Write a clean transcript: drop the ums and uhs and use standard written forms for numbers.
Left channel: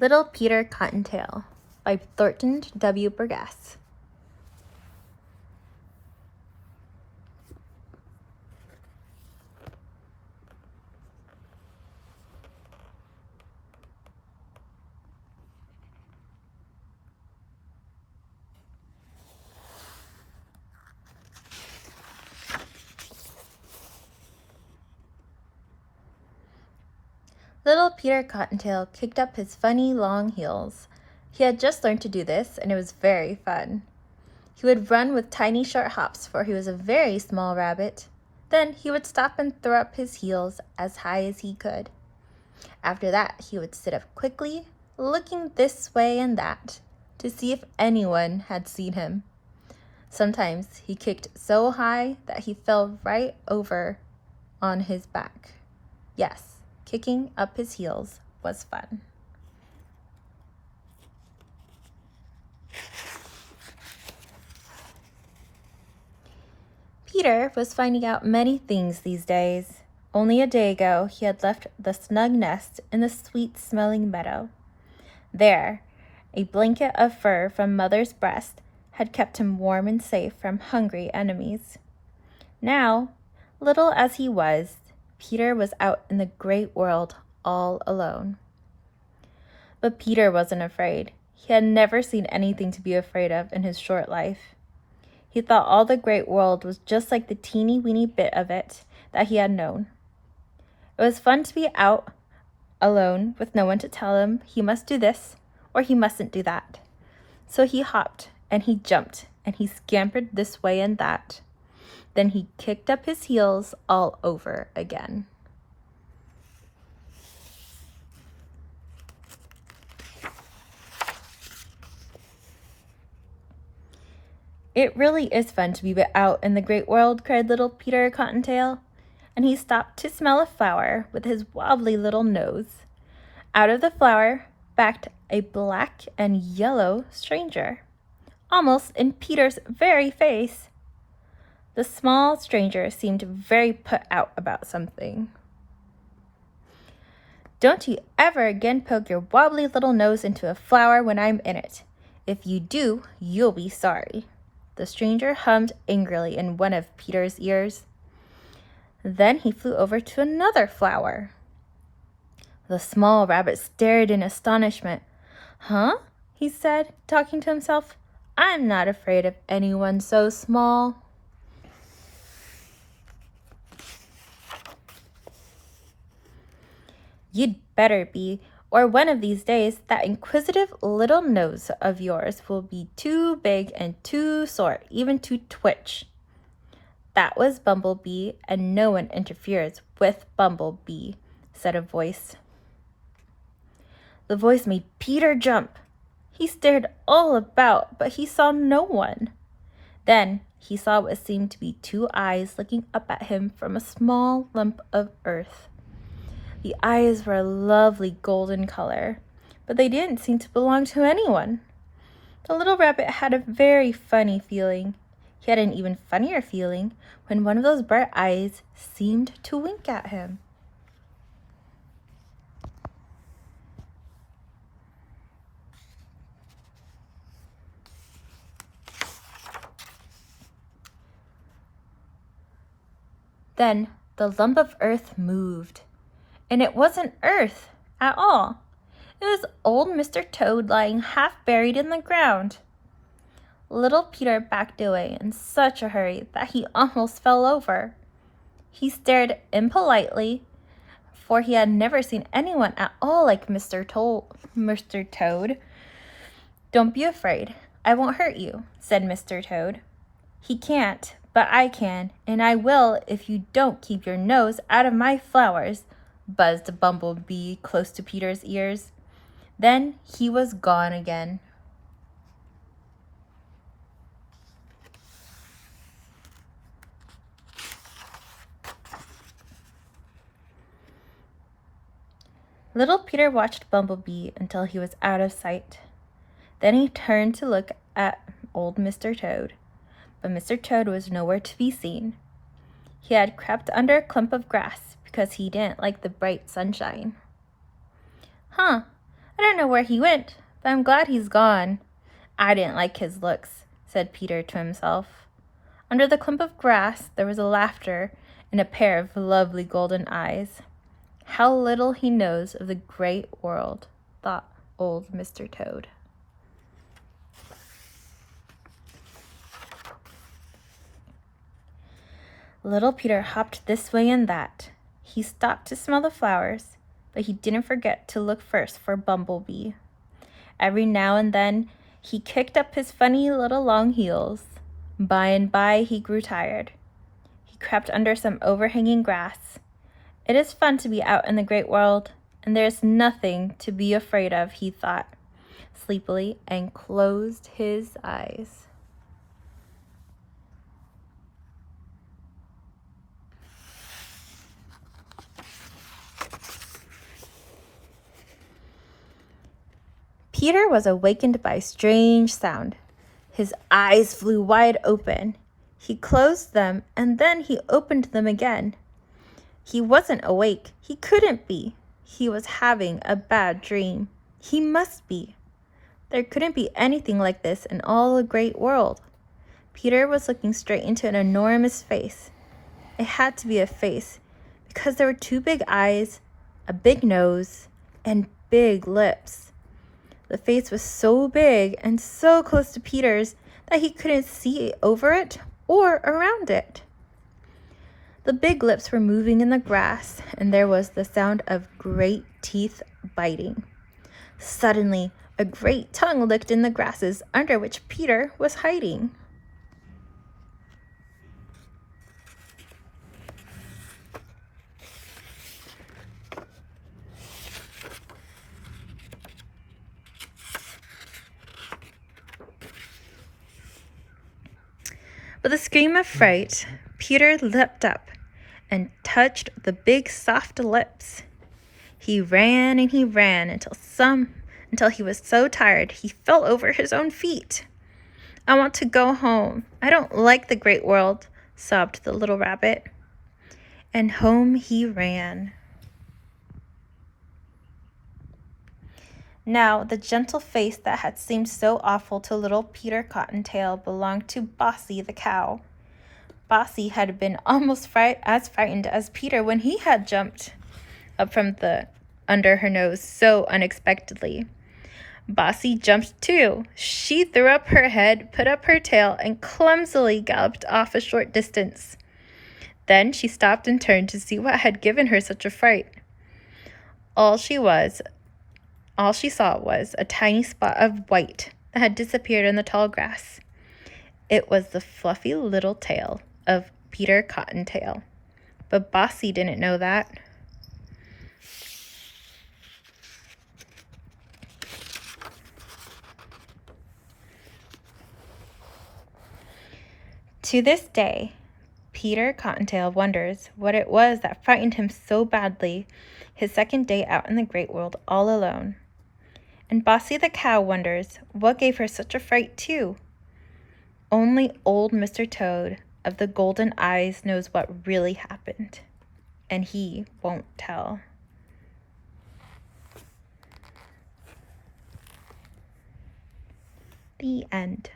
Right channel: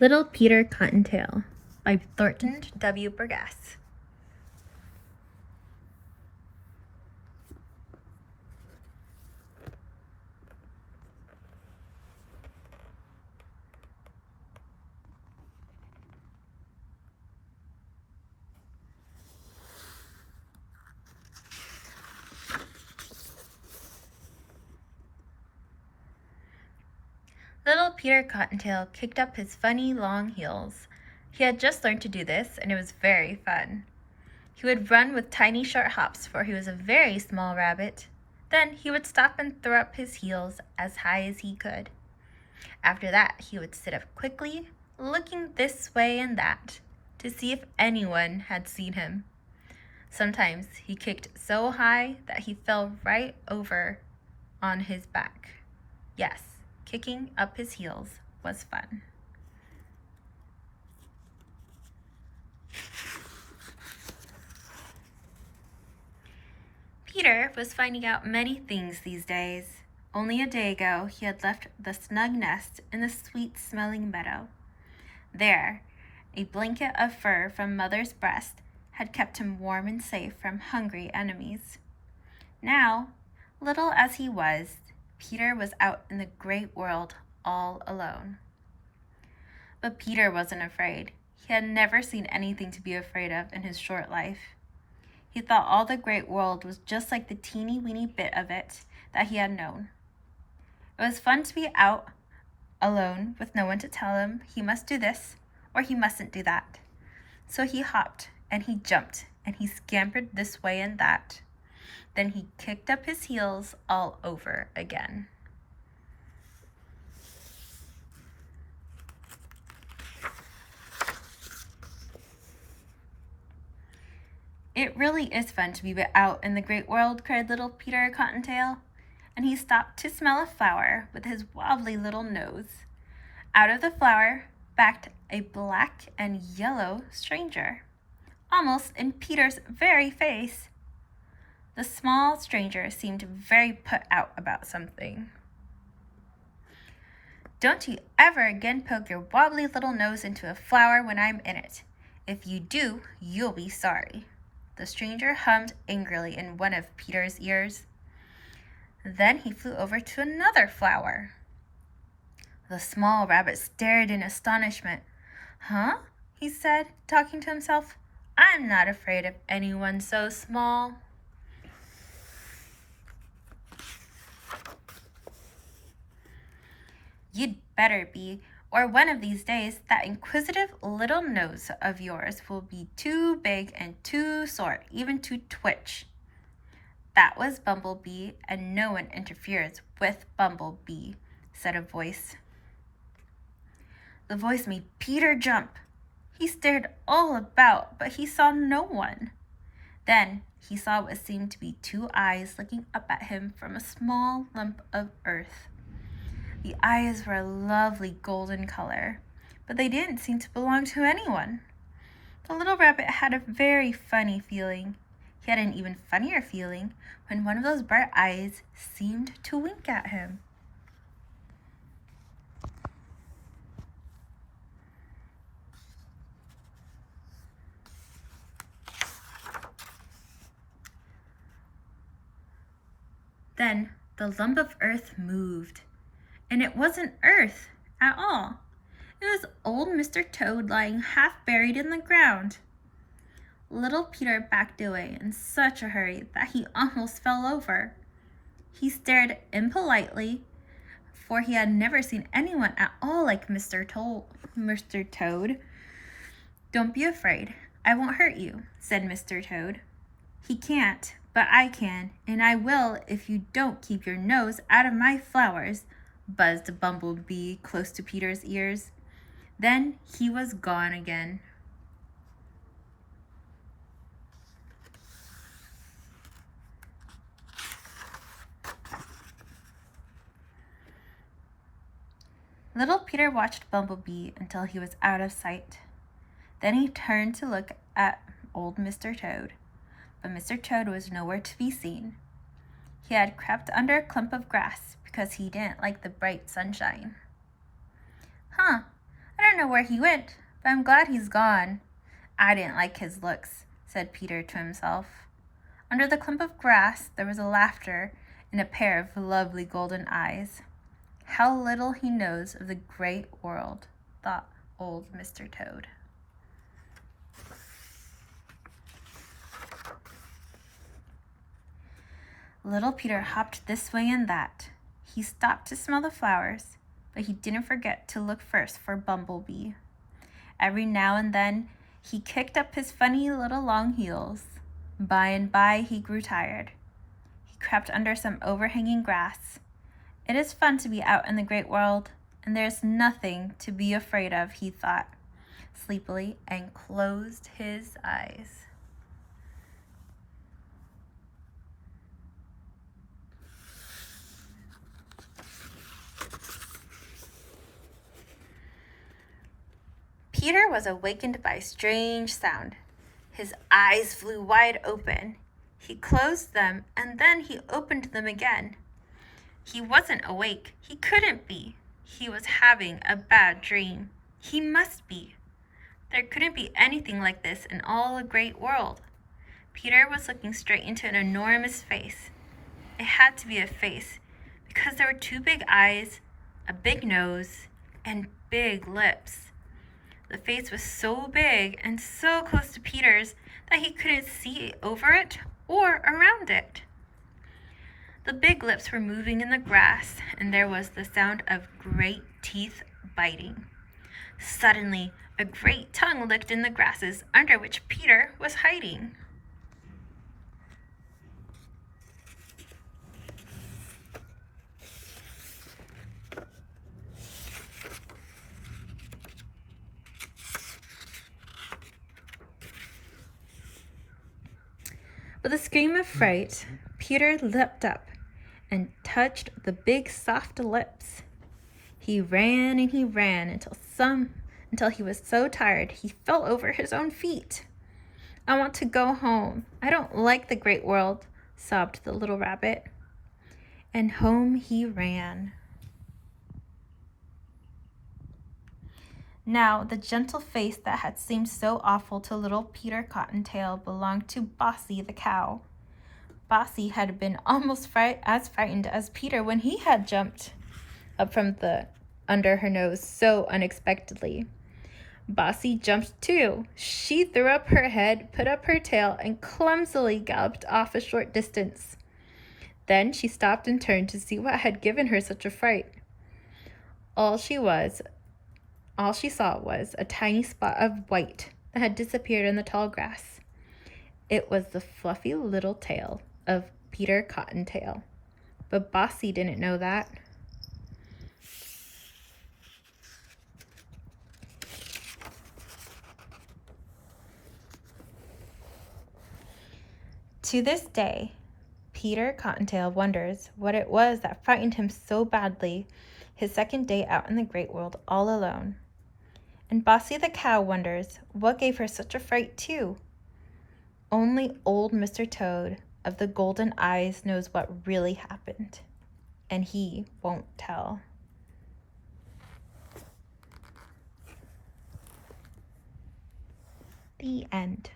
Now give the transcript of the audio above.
Little Peter Cottontail by Thornton W. Burgess. Little Peter Cottontail kicked up his funny long heels. He had just learned to do this, and it was very fun. He would run with tiny short hops, for he was a very small rabbit. Then he would stop and throw up his heels as high as he could. After that, he would sit up quickly, looking this way and that, to see if anyone had seen him. Sometimes he kicked so high that he fell right over on his back. Yes, kicking up his heels was fun. Peter was finding out many things these days. Only a day ago, he had left the snug nest in the sweet-smelling meadow. There, a blanket of fur from Mother's breast had kept him warm and safe from hungry enemies. Now, little as he was, Peter was out in the great world all alone. But Peter wasn't afraid. He had never seen anything to be afraid of in his short life. He thought all the great world was just like the teeny-weeny bit of it that he had known. It was fun to be out alone with no one to tell him he must do this or he mustn't do that. So he hopped and he jumped and he scampered this way and that. Then he kicked up his heels all over again. It really is fun to be out in the great world, cried little Peter Cottontail, and he stopped to smell a flower with his wobbly little nose. Out of the flower backed a black and yellow stranger, almost in Peter's very face. The small stranger seemed very put out about something. "Don't you ever again poke your wobbly little nose into a flower when I'm in it. If you do, you'll be sorry." The stranger hummed angrily in one of Peter's ears. Then he flew over to another flower. The small rabbit stared in astonishment. "Huh?" he said, talking to himself. "I'm not afraid of anyone so small." "You'd better be, or one of these days that inquisitive little nose of yours will be too big and too sore even to twitch." "That was Bumblebee, and no one interferes with Bumblebee," said a voice. The voice made Peter jump. He stared all about, but he saw no one. Then he saw what seemed to be two eyes looking up at him from a small lump of earth. The eyes were a lovely golden color, but they didn't seem to belong to anyone. The little rabbit had a very funny feeling. He had an even funnier feeling when one of those bright eyes seemed to wink at him. Then the lump of earth moved. And it wasn't earth at all. It was old Mr. Toad lying half buried in the ground. Little Peter backed away in such a hurry that he almost fell over. He stared impolitely, for he had never seen anyone at all like Mr. Toad. "Don't be afraid. I won't hurt you," said Mr. Toad. "He can't, but I can, and I will if you don't keep your nose out of my flowers," buzzed Bumblebee close to Peter's ears. Then he was gone again. Little Peter watched Bumblebee until he was out of sight. Then he turned to look at old Mr. Toad, but Mr. Toad was nowhere to be seen. He had crept under a clump of grass because he didn't like the bright sunshine. "Huh, I don't know where he went, but I'm glad he's gone." "I didn't like his looks," said Peter to himself. Under the clump of grass there was a laughter and a pair of lovely golden eyes. "How little he knows of the great world," thought old Mr. Toad. Little Peter hopped this way and that. He stopped to smell the flowers, but he didn't forget to look first for Bumblebee. Every now and then he kicked up his funny little long heels. By and by he grew tired. He crept under some overhanging grass. "It is fun to be out in the great world, and there is nothing to be afraid of," he thought sleepily, and closed his eyes. Peter was awakened by a strange sound. His eyes flew wide open. He closed them and then he opened them again. He wasn't awake. He couldn't be. He was having a bad dream. He must be. There couldn't be anything like this in all the great world. Peter was looking straight into an enormous face. It had to be a face because there were two big eyes, a big nose, and big lips. The face was so big and so close to Peter's that he couldn't see over it or around it. The big lips were moving in the grass, and there was the sound of great teeth biting. Suddenly, a great tongue licked in the grasses under which Peter was hiding. With a scream of fright, Peter leapt up and touched the big soft lips. He ran and he ran until he was so tired he fell over his own feet. "I want to go home. I don't like the great world," sobbed the little rabbit. And home he ran. Now, the gentle face that had seemed so awful to little Peter Cottontail belonged to Bossy the cow. Bossy had been almost as frightened as Peter when he had jumped up from under her nose so unexpectedly. Bossy jumped too. She threw up her head, put up her tail, and clumsily galloped off a short distance. Then she stopped and turned to see what had given her such a fright. All she saw was a tiny spot of white that had disappeared in the tall grass. It was the fluffy little tail of Peter Cottontail, but Bossy didn't know that. To this day, Peter Cottontail wonders what it was that frightened him so badly his second day out in the great world all alone. And Bossy the cow wonders what gave her such a fright too. Only old Mr. Toad of the golden eyes knows what really happened, and he won't tell. The end.